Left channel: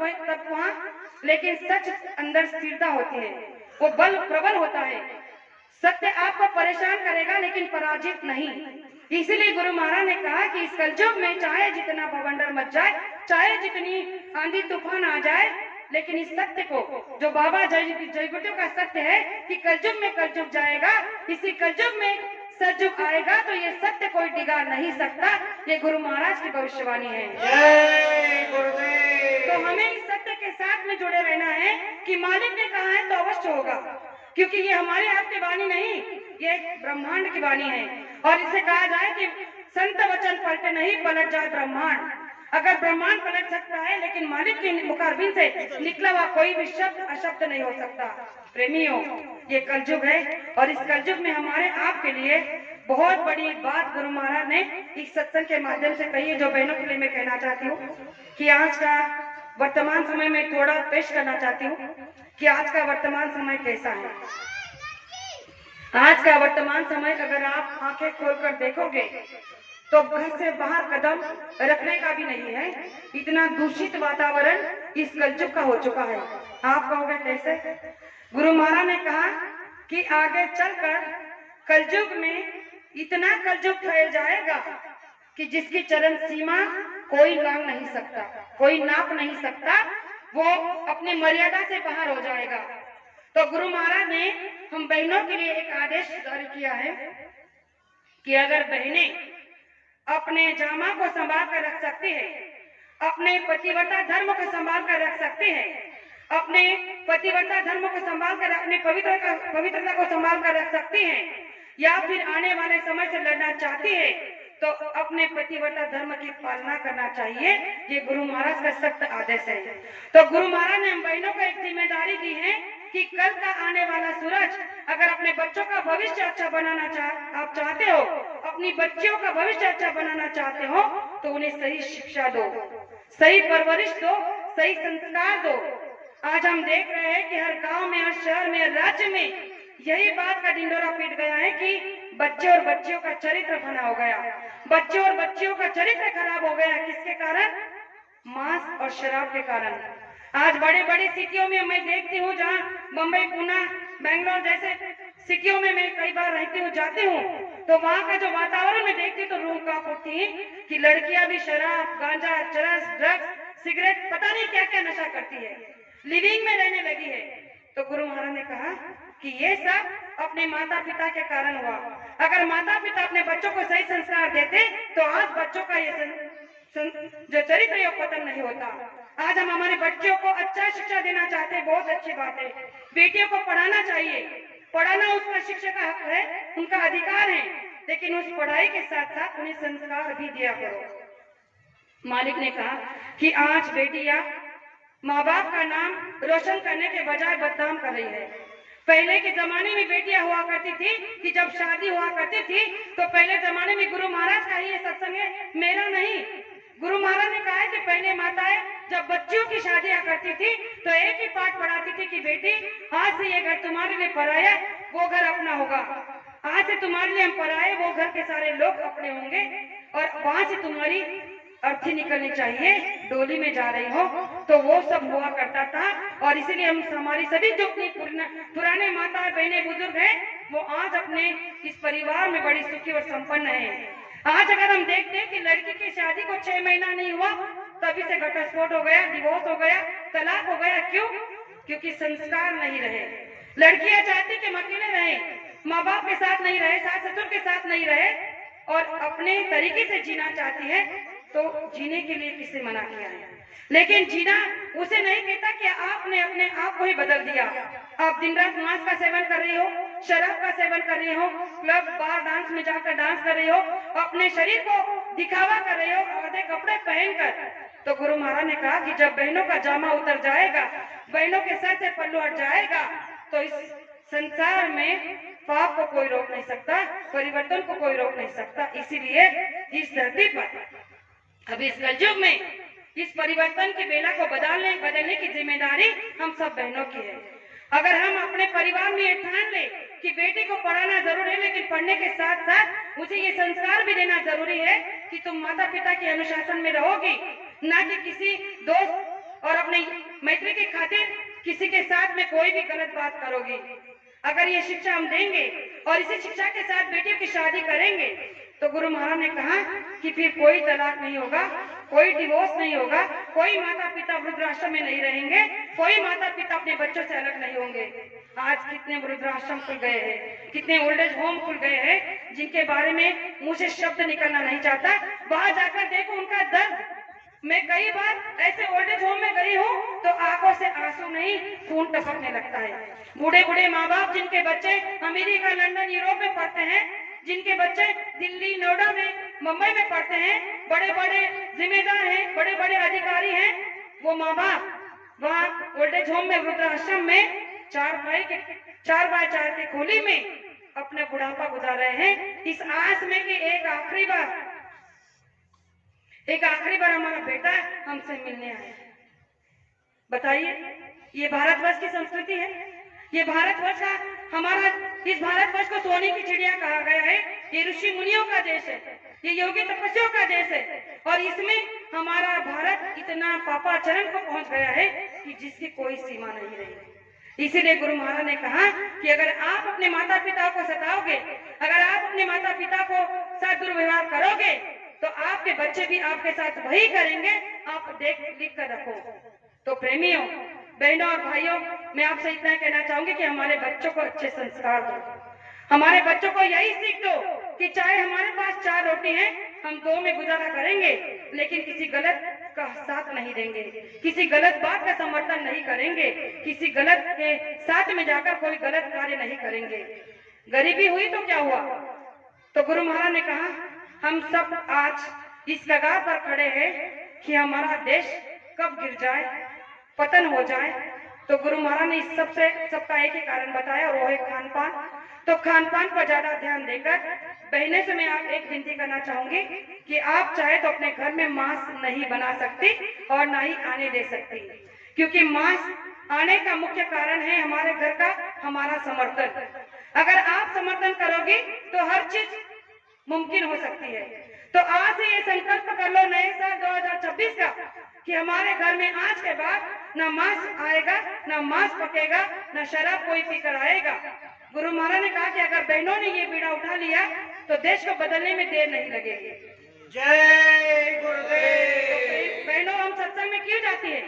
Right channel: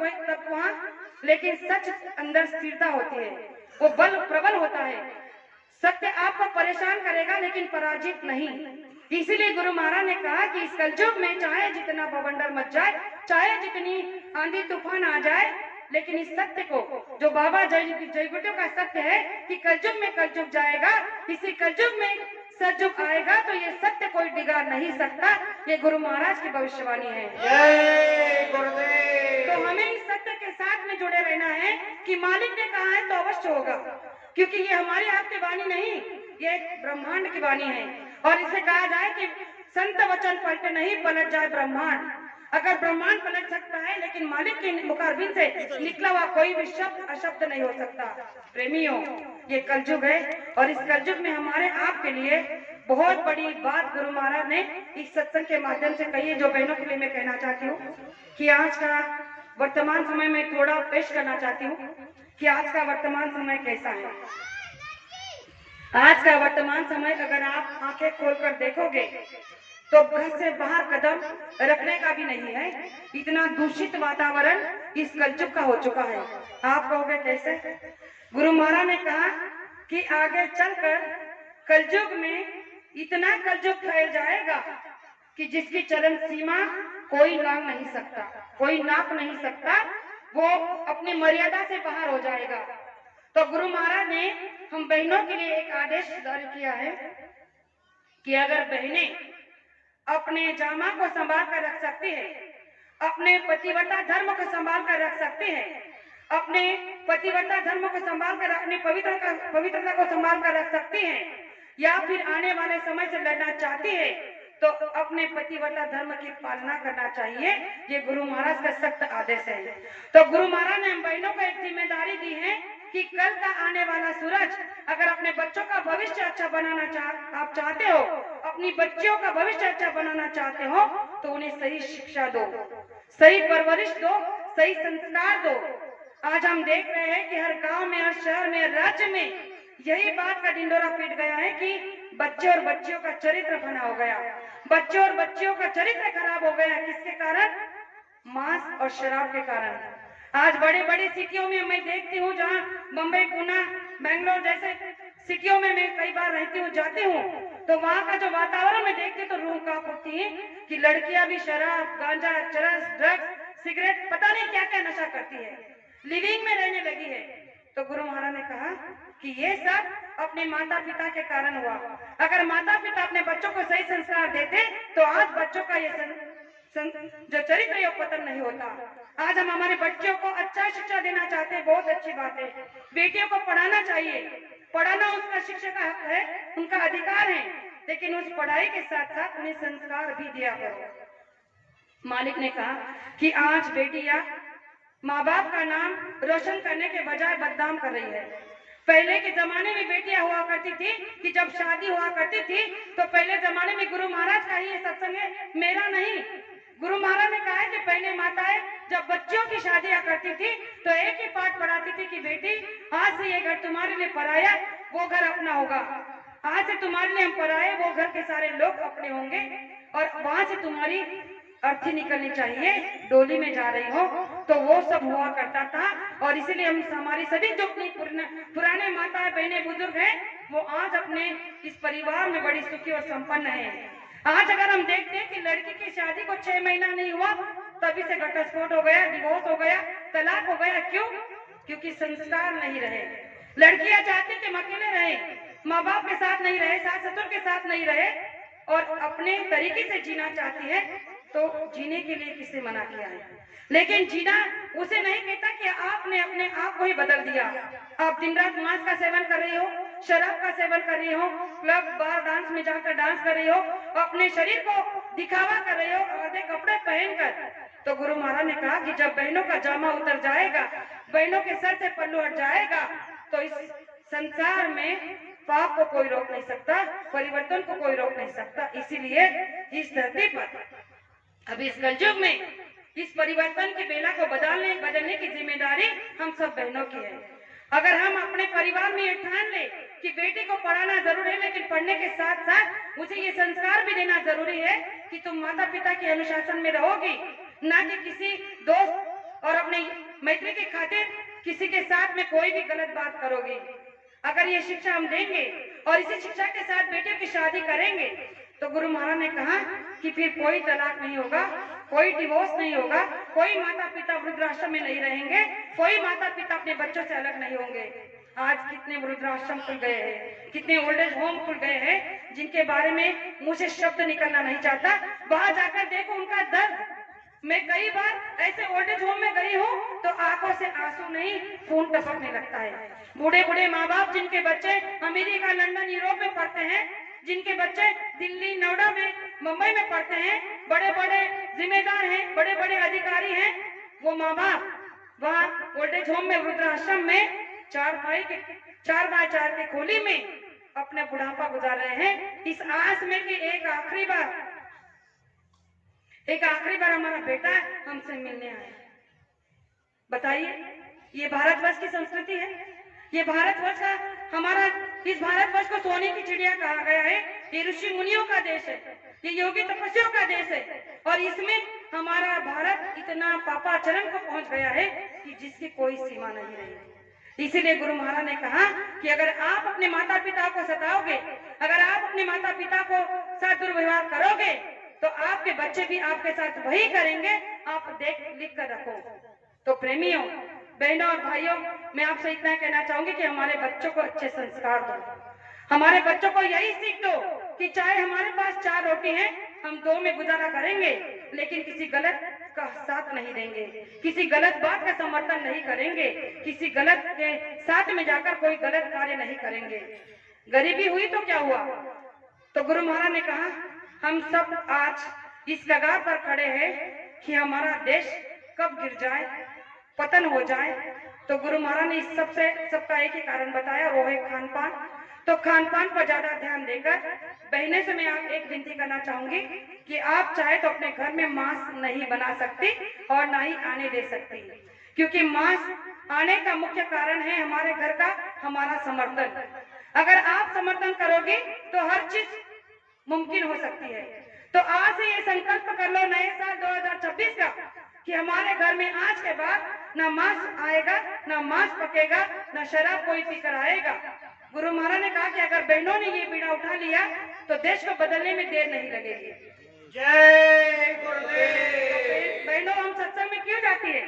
तब वहाँ, लेकिन सच अंदर स्थिरता होती है, वो बल प्रबल होता है। सत्य आपको परेशान करेगा लेकिन पराजित नहीं। इसीलिए गुरु महाराज ने कहा कि इस कलयुग में चाहे जितना बवंडर मच जाए, चाहे जितनी आंधी तूफान आ जाए, लेकिन इस सत्य को, जो बाबा जयगुरु का सत्य है कि कलयुग में कलयुग जाएगा, इसी कलयुग में सतयुग आएगा, तो ये सत्य कोई डिगा नहीं सकता। ये गुरु महाराज की भविष्यवाणी है। जय गुरुदेव। तो हमें इस सत्य के साथ में जुड़े रहना है कि मालिक ने कहा है तो अवश्य होगा, क्योंकि ये हमारे आपकी वाणी नहीं, ये ब्रह्मांड की वाणी है। और इसे कहा जाए कि संत वचन पलटे नहीं, पलट जाए ब्रह्मांड। अगर ब्रह्मांड पलट सकता है, लेकिन मालिक के मुखारबिंद से निकला हुआ कोई भी शब्द अशब्द नहीं हो सकता। प्रेमियों, ये कलयुग है और इस कलयुग में हमारे आपके लिए बहुत बड़ी बात गुरु महाराज ने इस सत्संग के माध्यम से कही है, जो बहनों के लिए मैं कहना चाहती हूँ कि आज का वर्तमान समय में थोड़ा पेश करना चाहती हूँ कि आज का वर्तमान समय कैसा है। आज का वर्तमान समय अगर आप आंखें खोलकर देखोगे तो घर से बाहर कदम रखने का भी नहीं है, इतना दूषित वातावरण इस कलयुग का हो चुका है। आप कहोगे कैसे? गुरु महाराज ने कहा कि आगे चलकर कलयुग में इतना कलयुग फैल जाएगा कि जिसकी चरण सीमा कोई लांघ नहीं सकता, कोई नाप नहीं सकता, वो अपनी मर्यादा से बाहर हो जाएगा। तो गुरु महाराज ने हम बहनों के लिए एक आदेश जारी किया है कि अगर बहनें अपने जामा को संभाल कर रख सकती है, अपने पतिव्रता धर्म को संभाल कर रख सकती है, अपने पतिव्रता धर्म को संभाल कर, अपने पवित्रता को संभाल कर रख सकती है, या फिर आने वाले समय से लड़ना चाहती है, तो अपने पतिव्रता धर्म की पालना करना चाहिए। ये गुरु महाराज का सख्त आदेश है। तो गुरु महाराज ने हम बहनों को एक जिम्मेदारी दी है कि कल का आने वाला सूरज, अगर अपने बच्चों का भविष्य अच्छा बनाना आप चाहते हो, अपनी बच्चियों का भविष्य अच्छा बनाना चाहते हो, तो उन्हें सही शिक्षा दो, सही परवरिश दो, सही संस्कार दो। आज हम देख रहे हैं कि हर गांव में, हर शहर में, हर राज्य में यही बात का ढिंडोरा पीट गया है कि बच्चे और बच्चियों का चरित्र बना हो गया, बच्चे और बच्चियों का चरित्र खराब हो गया। किसके कारण? मांस और शराब के कारण। आज बड़े बड़ी सिटियों में मैं देखती हूँ, जहाँ मुंबई, पुणे, बेंगलोर जैसे सिटियों में मैं कई बार रहती हूँ, जाती हूँ, तो वहाँ का जो वातावरण में देखती हूँ तो रूह कांप उठती है कि लड़कियां भी शराब, गांजा, चरस, ड्रग्स, सिगरेट, पता नहीं क्या क्या नशा करती है, लिविंग में रहने लगी है। तो गुरु महाराज ने कहा कि ये सब अपने माता पिता के कारण हुआ। अगर माता पिता अपने बच्चों को सही संस्कार देते तो आज बच्चों का ये जो चरित्र है पतन नहीं होता। आज हम हमारे बच्चों को अच्छा शिक्षा देना चाहते हैं, बहुत अच्छी बात है। बेटियों को पढ़ाना चाहिए, पढ़ाना उसका शिक्षा का हक है, उनका अधिकार है, लेकिन उस पढ़ाई के साथ साथ उन्हें संस्कार भी दिया करो। मालिक ने कहा कि आज बेटियां माँ बाप का नाम रोशन करने के बजाय बदनाम कर रही है। पहले के जमाने में बेटियां हुआ करती थी कि जब शादी हुआ करती थी तो पहले जमाने में गुरु महाराज का ही सत्संग है, मेरा नहीं। गुरु महाराज ने कहा है कि पहले माताएं जब बच्चियों की शादियां करती थी तो एक ही पाठ पढ़ाती थी कि बेटी, आज से ये घर तुम्हारे लिए पराया, वो घर अपना होगा। आज से तुम्हारे लिए हम पराए, वो घर के सारे लोग अपने होंगे, और वहां से तुम्हारी अर्थी निकलनी चाहिए, डोली में जा रही हो। तो वो सब हुआ करता था, और इसीलिए हम हमारी सभी जो पुराने माता बहने बुजुर्ग हैं, वो आज अपने इस परिवार में बड़ी सुखी और संपन्न है। आज अगर हम देखते हैं कि लड़की की शादी को 6 महीना नहीं हुआ तभी से घटस्फोट हो गया, डिवोर्स हो गया, तलाक हो गया। क्यों? क्योंकि संस्कार नहीं रहे। लड़कियां चाहती कि हम अकेले रहे, माँ बाप के साथ नहीं रहे, सास ससुर के साथ नहीं रहे, और अपने तरीके से जीना चाहती है। तो जीने के लिए किसने मना किया है? लेकिन जीना उसे नहीं कहता कि आपने अपने आप को ही बदल दिया। आप दिन रात मांस का सेवन कर रही हो, शराब का सेवन कर रही हो, क्लब बार डांस में जाकर डांस कर रही हो, अपने शरीर को दिखावा कर रही हो आधे कपड़े पहनकर। तो गुरु महाराज ने कहा कि जब बहनों का जामा उतर जाएगा, बहनों के सर से पल्लू हट जाएगा, तो इस संसार में पाप को कोई रोक नहीं सकता, परिवर्तन को कोई रोक नहीं सकता। इसीलिए इस धरती पर अब इस कलयुग में इस परिवर्तन की बेला को बदलने की जिम्मेदारी हम सब बहनों की है। अगर हम अपने परिवार में ये ठान ले कि बेटी को पढ़ाना जरूरी है, लेकिन पढ़ने के साथ साथ उसे ये संस्कार भी देना जरूरी है कि तुम माता पिता के अनुशासन में रहोगी, ना कि किसी दोस्त और अपनी मैत्री की खातिर किसी के साथ में कोई भी गलत बात करोगी, अगर ये शिक्षा हम देंगे और इसी शिक्षा के साथ बेटियों की शादी करेंगे तो गुरु महाराज ने कहा कि फिर कोई तलाक नहीं होगा, कोई डिवोर्स नहीं होगा, कोई माता पिता वृद्धाश्रम में नहीं रहेंगे, कोई माता पिता अपने बच्चों से अलग नहीं होंगे। आज कितने वृद्धाश्रम खुल गए हैं, कितने ओल्ड एज होम खुल गए हैं, जिनके बारे में मुंह से शब्द निकलना नहीं चाहता। वहां जाकर देखो उनका दर्द। मैं कई बार ऐसे ओल्ड एज होम में गई हूँ तो आंखों से आंसू नहीं खून टपकने लगता है। बूढ़े बूढ़े माँ बाप जिनके बच्चे अमेरिका, लंदन, यूरोप में पढ़ते हैं, जिनके बच्चे दिल्ली, नोएडा में, मुंबई में पढ़ते हैं, बड़े बड़े जिम्मेदार हैं, बड़े बड़े अधिकारी हैं, वो माँ बाप वहाँ ओल्ड एज होम में, वृद्धाश्रम में 4x4 के खोली में अपना बुढ़ापा गुजार रहे हैं, इस आस में कि एक आखिरी बार हमारा बेटा हमसे मिलने आए। बताइए, ये भारतवर्ष की संस्कृति है, ये भारतवर्ष का हमारा, इस भारतवर्ष को सोने की चिड़िया कहा गया है। ये ऋषि मुनियों का देश है, ये योगी तपस्वियों का देश है, और इसमें हमारा भारत इतना पापाचरण को पहुंच गया है कि जिसकी कोई सीमा नहीं रही। इसीलिए गुरु महाराज ने कहा कि अगर आप अपने माता पिता को सताओगे, अगर आप अपने माता पिता को साथ दुर्व्यवहार करोगे तो आपके बच्चे भी आपके साथ वही करेंगे। आप देख लिख कर रखो। तो प्रेमियों, बहनों और भाइयों, मैं आपसे इतना कहना चाहूंगी कि हमारे बच्चों को अच्छे संस्कार दो, हमारे बच्चों को यही सीख दो कि चाहे हमारे पास 4 रोटी है, हम 2 में गुजारा करेंगे, लेकिन किसी गलत का साथ नहीं देंगे, किसी गलत बात का समर्थन नहीं करेंगे, किसी गलत के साथ में जाकर कोई गलत कार्य नहीं करेंगे। गरीबी हुई तो क्या हुआ? तो गुरु महाराज ने कहा हम सब आज इस कगार पर खड़े हैं कि हमारा देश कब गिर जाए, पतन हो जाए। तो गुरु महाराज ने इस सबका एक ही कारण बताया, वो है खान पान। तो खान पान पर ज्यादा ध्यान देकर बहने से मैं आप एक विनती करना चाहूंगी कि आप चाहे तो अपने घर में मांस नहीं बना सकती और ना ही आने दे सकती, क्योंकि मांस आने का मुख्य कारण है हमारे घर का हमारा समर्थन। अगर आप समर्थन करोगी तो हर चीज मुमकिन हो सकती है। तो आज से ये संकल्प कर लो नए साल 2026 का कि हमारे घर में आज के बाद ना मांस आएगा, ना मांस पकेगा, ना शराब कोई पीकर आएगा। गुरु महाराज ने कहा कि अगर बहनों ने ये बीड़ा उठा लिया तो देश को बदलने में देर नहीं लगेगी। जय गुरुदेव। बहनों, हम सत्संग में क्यों जाती है?